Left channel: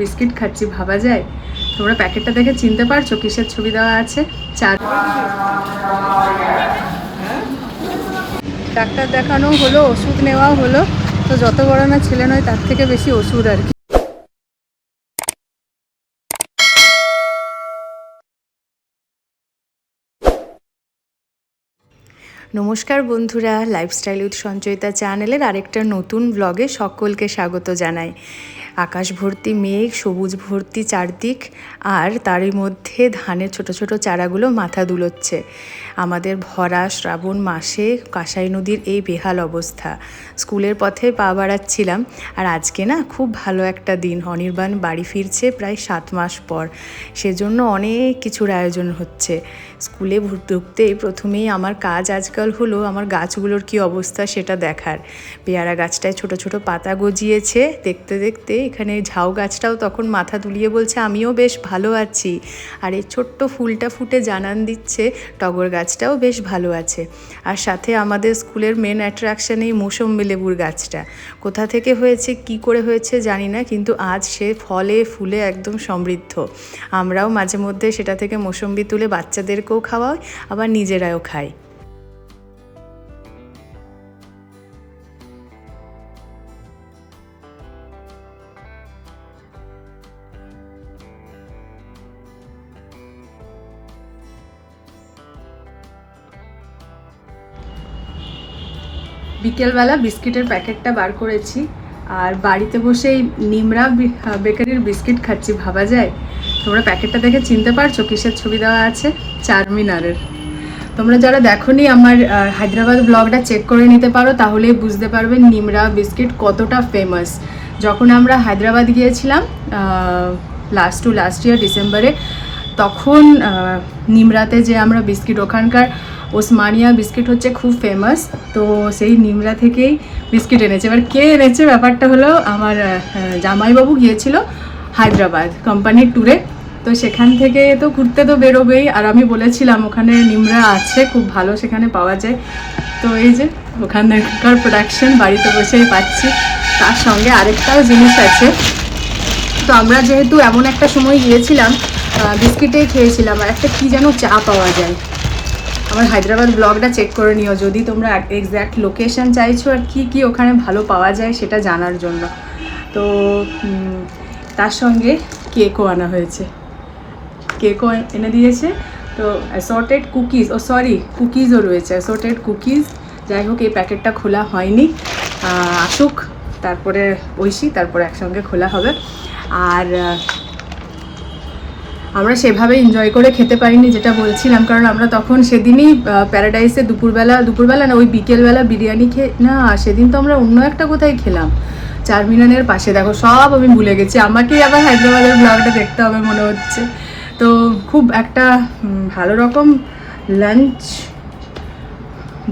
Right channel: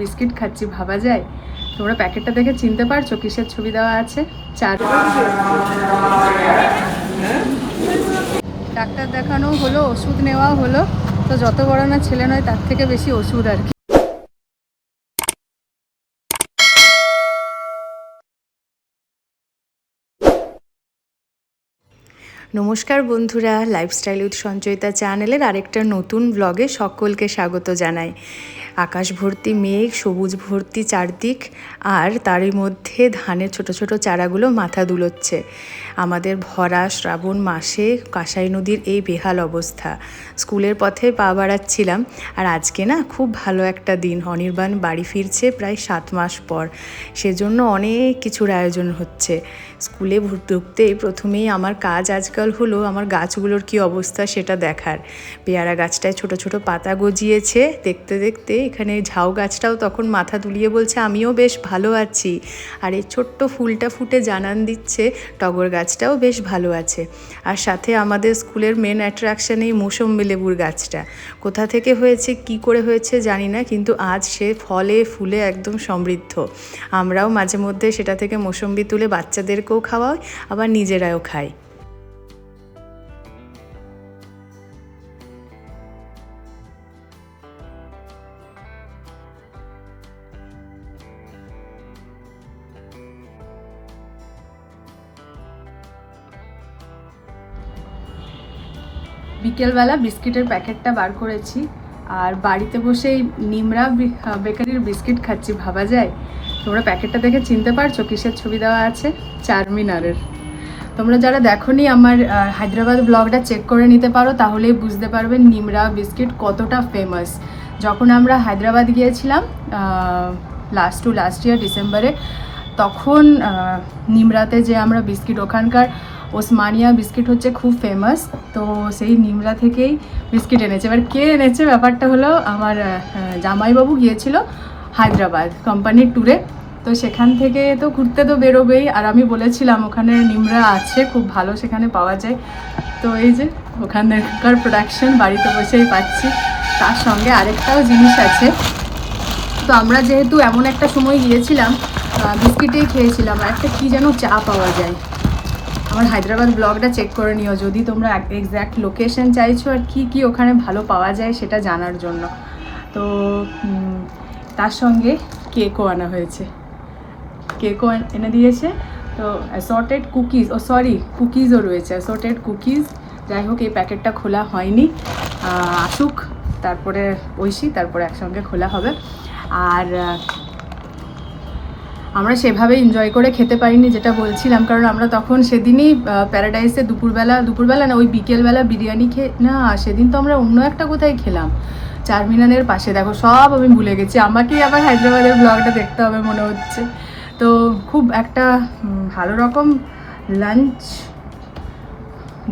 Biscuit খাচ্ছি, ভাবা যায়? তোমরা প্যাকেটটা দেখে চিনতে পারছ? কিসের ছবি দেওয়া আছে? চার ডাক্তার দেখানো হলো, ওষুধ নেওয়া হলো। তো যত বড় না ছেলে নয়, তার থেকে বেশি ওষুধ আর কি। নমস্কার বন্ধুরা লাইফস্টাইল উইথ সঞ্চয়িতা চ্যানেলের আরেকটা নতুন ব্লগে সকলকে স্বাগত জানাই। আকাশ ভর্তি মেঘ সবুজ ভর্তি চারদিক আর তারই মধ্যে ধানের ছোট ছোট চারাগুলো মাথা দুলোচ্ছে। আমাদের ভরা শ্রাবণ মাসে কাঁসাই নদীর এই বেহাল অবস্থা। স্কুলের পথে পা বাড়াচ্ছিলাম আর আজকে না খুব ভালো একটা দিন। অনির্বাণ বাড়ি ফিরছে প্রায় সাত মাস পর। সেজন্য অনেক কিছুর আয়োজন হচ্ছে। স্কুলে ঢুকতেই প্রথমেই আমার কাজ আজকাল হলো আমার গাছগুলোর কি অবস্থা সেটা দেখার। পেয়ারা গাছটায় ছোট ছোট পাতা গজিয়েছে। দেখতে দেখতে এখানে ঝাউ গাছটাও তখন মাথা দুলিয়ে বলছে, আমিও বেশ ভালো আছি। আর এই ছোট্ট ফুলটা ফুটে জানান দিচ্ছে, টগর গাছটাও বেশ ভালো আছে। আর সাথে আমাদের স্কুলের মেন অ্যাট্রাকশন এই মৌসম্বি লেবুর গাছটা। কোথা থেকে হয়েছে, কি করে হয়েছে জানি না, কিন্তু আজ সে ফলে ফুলে একদম সমৃদ্ধ। আমরাও মাঝে মধ্যে সেটা থেকে মৌসম্বি তুলে বাচ্চাদেরকেও খাওয়াই, আবার নিজেরাও খাই। বিকেলবেলা বিস্কিটের প্যাকেটটা বার করেছি। আর বাড়িতে বসেই নিমরা বেকারির বিস্কিট খাচ্ছি, ভাবা যায়? তোমরা প্যাকেটটা দেখে চিনতে পারছ কিসের ছবি দেওয়া আছে? চারমিনারের। তোমরা যারা দেখোনি আমার হায়দ্রাবাদ ব্লগটা চেক করে নিতে পারো, তাহলেই বুঝতে পারবে নিমরা বিস্কিট কতটা ফেমাস যখন আমরা হায়দ্রাবাদ গিয়েছিলাম লাস্ট টু লাস্ট ইয়ার ডিসেম্বরে, তখন নিমরাতে যে আমরা বিস্কিট ওখানকার ওসমানিয়া বিস্কিট হচ্ছে খুব ফেমাস তো সেই নিমরা থেকেই বিস্কিট এনেছে। এবার কে এনেছে? ব্যাপারটা হলো আমার জামাইবাবু গিয়েছিল হায়দ্রাবাদ কোম্পানির ট্যুরে তো সেখান থেকে তো ঘুরতে তো বেরোবেই। আর আমি বলেছিলাম, ওখানে নিমরা আছে, খুব ভালো সেখানে পাওয়া যায়। তো এই যে, ওখানকার প্রোডাকশন বাড়িতে বসেই পাচ্ছি। তার সঙ্গে আরেকটাও জিনিস আছে। তো আমরা যেহেতু এমন একটা সময় গিয়েছিলাম বিস্কিটেই খেয়েছিলাম। আর একটা কী যেন চা পাওয়া যায়। আমার হায়দ্রাবাদ ব্লগটা চেক করে নিও। যদি তোমরা এক্স্যাক্ট লোকেশন চাইছো আর কি কি ওখানে ভালো পাওয়া যায় সেটা জানার জন্য। তো তার সঙ্গে কেকও আনা হয়েছে। কেকও এনে দিয়েছে। তো অ্যাসর্টেড কুকিজ ও সরি কুকিজও রয়েছে। অ্যাসর্টেড কুকিজ যাই হোক, এই প্যাকেটটা খোলা হয়নি। আসুক, তারপরে ঐশী তারপরে একসঙ্গে খোলা হবে। আর আমরা সেভাবে এনজয় করে খেতে পারিনি যেটা বলছিলাম, কারণ আমরা তখন সেদিনই প্যারাডাইসে দুপুরবেলা দুপুরবেলা না, ওই বিকেলবেলা বিরিয়ানি খেয়ে না, সেদিন তো আমরা অন্য একটা কোথায় খেলাম। চারমিনানের পাশে, দেখো, সব আমি ভুলে গেছি। আমাকেই আবার হায়দ্রাবাদের ব্লগটা দেখতে হবে মনে হচ্ছে। তো খুব একটা ভালো রকম লাঞ্চ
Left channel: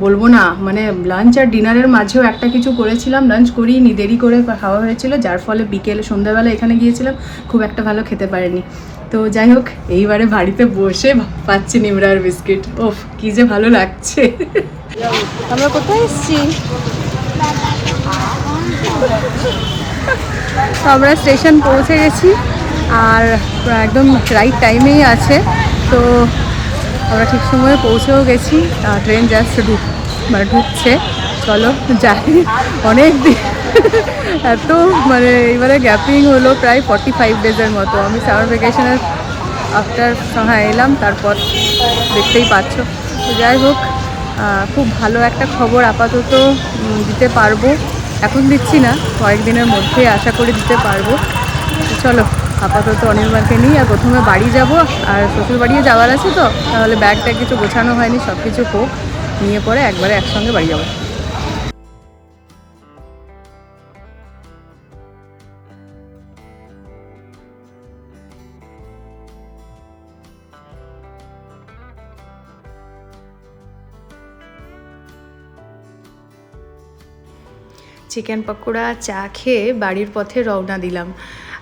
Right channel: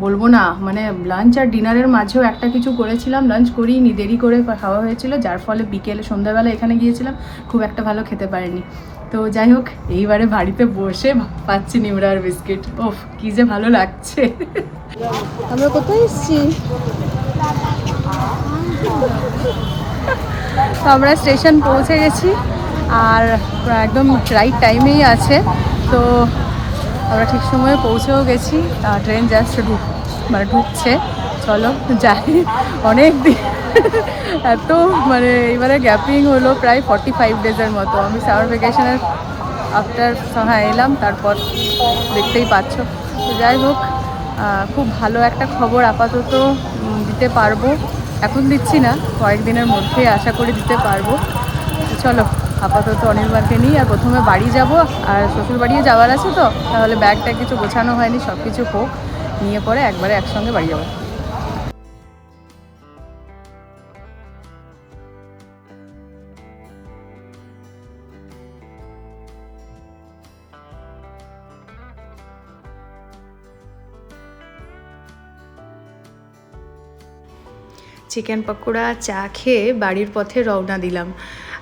বলব না মানে লাঞ্চ আর ডিনারের মাঝেও একটা কিছু করেছিলাম লাঞ্চ করিনি দেরি করে খাওয়া হয়েছিল যার ফলে বিকেলে সন্ধ্যাবেলা এখানে গিয়েছিলাম খুব একটা ভালো খেতে পারিনি। তো যাই হোক এইবারে বাড়িতে বসে পাচ্ছি নিমরার বিস্কিট। ওফ কি যে ভালো লাগছে। আমরা কোথায় এসেছি? তো আমরা স্টেশন পৌঁছে গেছি আর একদম রাইট টাইমেই আছে। তো আমরা ঠিক সময়ে পৌঁছেও গেছি ট্রেন জাস্ট ঢুক মানে ঢুকছে। চলো, যাই। অনেক দিন এত মানে এবারে গ্যাপিং হলো প্রায় ফর্টি ফাইভ ডেজের মতো। আমি সামার ভ্যাকেশনের আফটার হ্যাঁ এলাম, তারপর দেখতেই পাচ্ছ। তো যাই হোক খুব ভালো একটা খবর আপাতত দিতে পারব। এখন দিচ্ছি না কয়েকদিনের মধ্যে আশা করি দিতে পারব। চলো, আপাতত অনির্বাণকে নিই আর প্রথমে বাড়ি যাব। আর শ্বশুর বাড়িও যাওয়ার আছে তো, তাহলে ব্যাগটা কিছু গোছানো হয়নি সব কিছু হোক। নিয়ে পরে একবারে একসঙ্গে বাড়ি যাব। চিকেন পকোড়া, চা খেয়ে বাড়ির পথে রওনা দিলাম।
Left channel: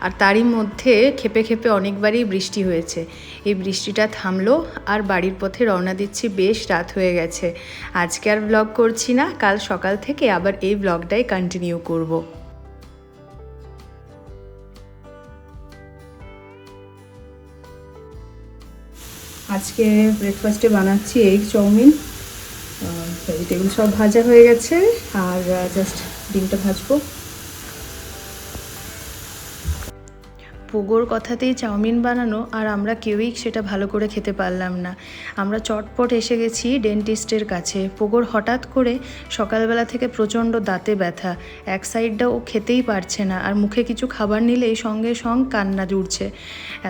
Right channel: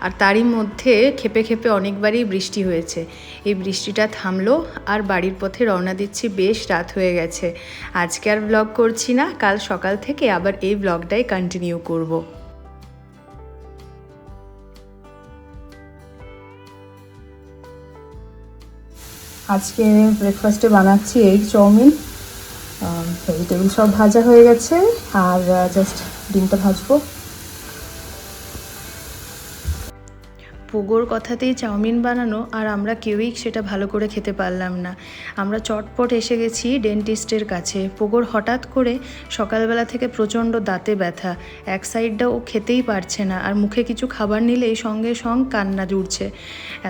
আর তারই মধ্যে খেপে খেপে অনেকবারই বৃষ্টি হয়েছে। এই বৃষ্টিটা থামলো আর বাড়ির পথে রওনা দিচ্ছি বেশ রাত হয়ে গেছে। আজকে আর ব্লগ করছি না, কাল সকাল থেকে আবার এই ব্লগটাই কন্টিনিউ করব। আজকে ব্রেকফাস্টে বানাচ্ছি এগ চাউমিন ভেজিটেবল সব ভাজা হয়ে গেছে, আর জাস্ট ডিমটা ভাজবো। পোগোর কথাতেই চাউমিন বানানো আর আমরা কেউই সেটা ভালো করে খেতে পারলাম না। আমরা চটপট এসে গেছি ডেন্টিস্টের কাছে। পোগোর হঠাৎ করে সকালবেলা থেকে প্রচণ্ড দাঁতে ব্যথা। এক সাইডটা ও খেতেই পারছে না আর মুখে কিছু খাবার নিলেই সঙ্গে সঙ্গ কান্না জুড়ছে।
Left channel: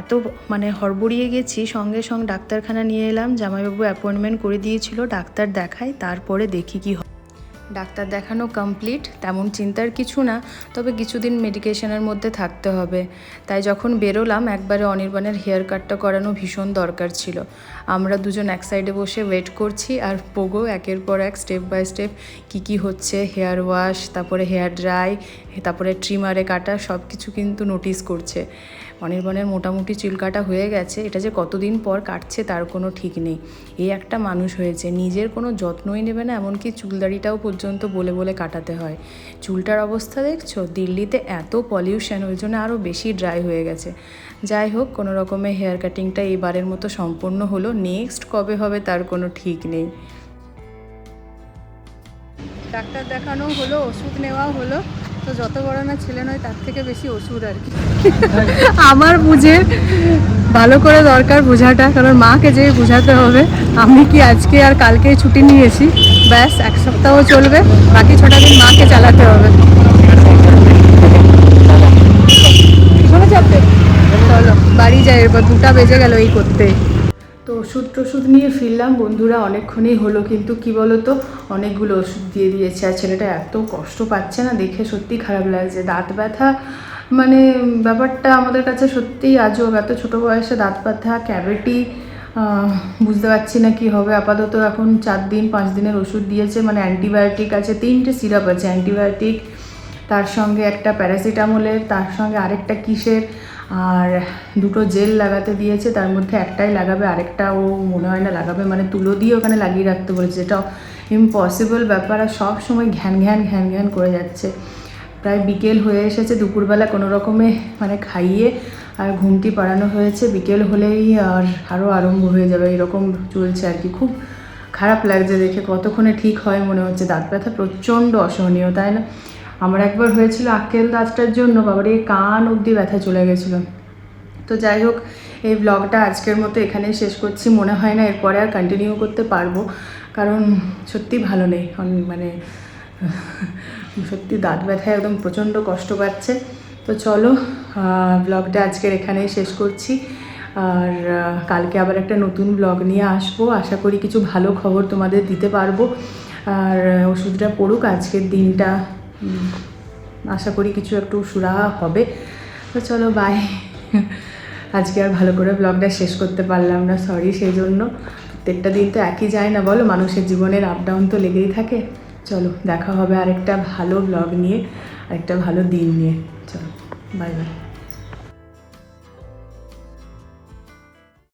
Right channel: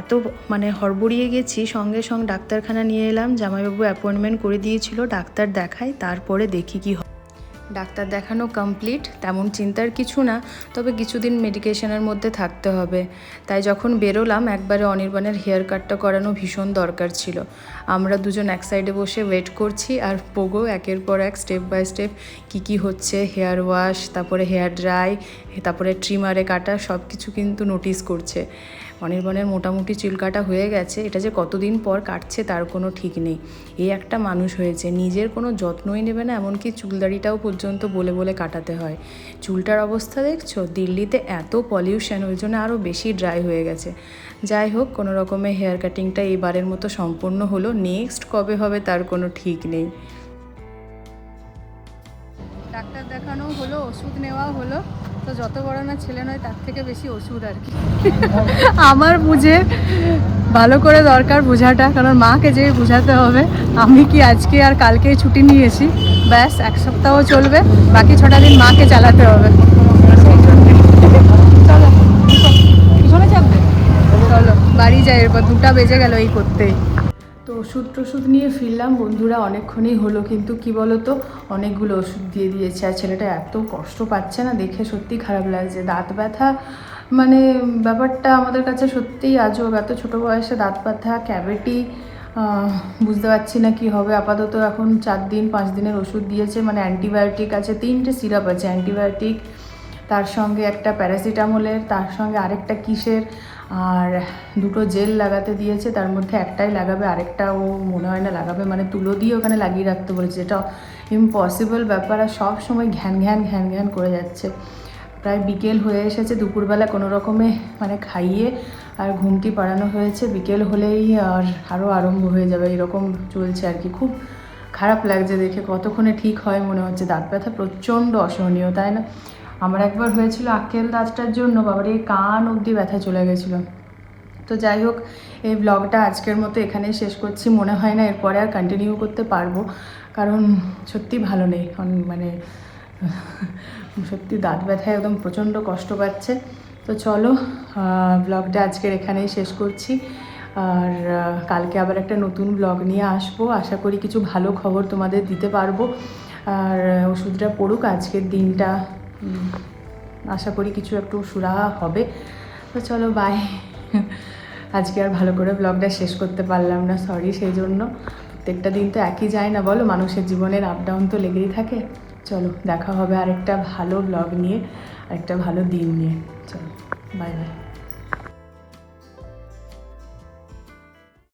এত মানে হড়বড়িয়ে গেছি, সঙ্গে সঙ্গে ডাক্তারখানা নিয়ে এলাম, জামাইবাবু অ্যাপয়েন্টমেন্ট করে দিয়েছিল, ডাক্তার দেখায়, তারপরে দেখি কি হয়। ডাক্তার দেখানো কমপ্লিট তেমন চিন্তার কিছু না, তবে কিছুদিন মেডিকেশনের মধ্যে থাকতে হবে। তাই যখন বেরোলাম, একবারে অনির্বাণের হেয়ার কাটটা করানো ভীষণ দরকার ছিল। আমরা দুজন এক সাইডে বসে ওয়েট করছি, আর পোগো একের পর এক স্টেপ বাই স্টেপ কী কী হচ্ছে হেয়ার ওয়াশ তারপরে হেয়ার ড্রাই তারপরে ট্রিমারে কাটা সব কিছু কিন্তু নোটিস করছে। অনির্বাণের মোটামুটি চুল কাটা হয়ে গেছে, এটা যে কতদিন পর কাটছে তার কোনো ঠিক নেই। এই একটা মানুষ হয়েছে, নিজের কোনো যত্নই নেবে না, এমনকি চুলদাড়িটাও পর্যন্ত বলে বলে কাটাতে হয়। চুলটার অবস্থা দেখছ? দিল্লিতে এত পলিউশন ওই জন্য আরও বেশি ড্রাই হয়ে গেছে। যাই হোক, কোনো রকমে হেয়ার কাটিংটা এবারের মতো সম্পূর্ণ হলো নেক্সট কবে হবে তার কোনো ঠিক নেই। ডাক্তার দেখানো হলো, ওষুধ নেওয়া হলো তো যত বড় না ছেলে নয়, তার থেকে বেশি ওষুধ আর কি। আমার বুঝে ভালো করে দরকার বোঝাটা, কারণ মাকে যে বোঝাতে হবে। আমি কি আজকে আর কালকে ছুটি নিয়েছি ব্যাস, এক সপ্তাহ চলবে, বাকি ছটা দিন মাকে চালাতে হবে। ফিরলাম বন্ধুরা অনেকক্ষণই হলো, কিন্তু কি বলো তো অনেকগুলো ওষুধ দিয়ে দিয়েছে আর ছেলেটা এত কষ্ট পাচ্ছে না দেখে সত্যি খারাপ লাগছে। দাঁত ব্যথা মানে ব্যাপারটা আমাদের কাছে সত্যিই আজব এত ছোটো বয়সে দাঁত ব্যথা ক্যাভিটি বুঝতে পারছি না কি হবে। আপাতত এখন চার দিন, পাঁচ দিনের ওষুধ দিয়েছে মানে অ্যান্টিবায়োটিক আছে, তিনটে সিরাপ আছে অ্যান্টিবায়োটিক তার সঙ্গে একটা প্যারাসিটামলের তার সঙ্গে আরেকটা কিসের আর দুটো জেল লাগাতে দিয়েছে, তার মধ্যে একটাই লাগাবে, আরেকটা ও মনে হয় না লাগাবে মানে তুলো দিয়ে ওখানে লাগিয়ে রাখতে বলেছে। যেটা ইম্পসিবল ব্যাপার আর সব সময় ঘ্যান ঘ্যান ঘ্যান ঘ্যান করে যাচ্ছে। প্রায় বিকেল হয়ে এসেছে, দুপুরবেলা কোনো রকমে মানে খাইয়ে আর ঘুমটি পাড়ানো হয়েছে। বিকেল হলেই আর আরও আরম্ভ হয়ে যাবে, এরকম চলছে আর কি। খুব খারাপ লাগছে দেখে, কতক্ষণে ঠিক হয় মনে হচ্ছে। দাঁত ব্যথা প্রচণ্ড অসহনীয়, তাই না? আমার একবার হয়েছিল আক্কেল দাঁতটার জন্য, বাবার, এই কান অবধি ব্যথা চলে গেছিল। তো যাই হোক, এই ব্লগটা আজকের মতো এখানেই শেষ করছি। মনে হয় না এরপরে আর কন্টিনিউ করতে পারব। কারণ সত্যি ভালো নেই। অন- মানে সত্যি দাঁত ব্যথায় একদম প্রচণ্ড কষ্ট পাচ্ছে। তো চলো ব্লগটা আজকের এখানেই শেষ করছি। আর কালকে আবার একটা নতুন ব্লগ নিয়ে আসব। আশা করি কিছু ভালো খবর তোমাদের দিতে পারব। আর, ওষুধটা পড়ুক আজকের দিনটা। আশা করি কিছু একটু সুরাহা হবে। তো চলো বাই আজকে আর ভালো করে ব্লগটা শেষ করতে পারলাম না সরি সেই জন্য প্রত্যেকটা দিন তো একই যায় না, বলো? মানুষের জীবনের আপ ডাউন তো লেগেই থাকে। চলো, দেখা হবে আরেকটা ভালো ব্লগ নিয়ে, আরেকটা ভালো দিন নিয়ে। চলো বাই বাই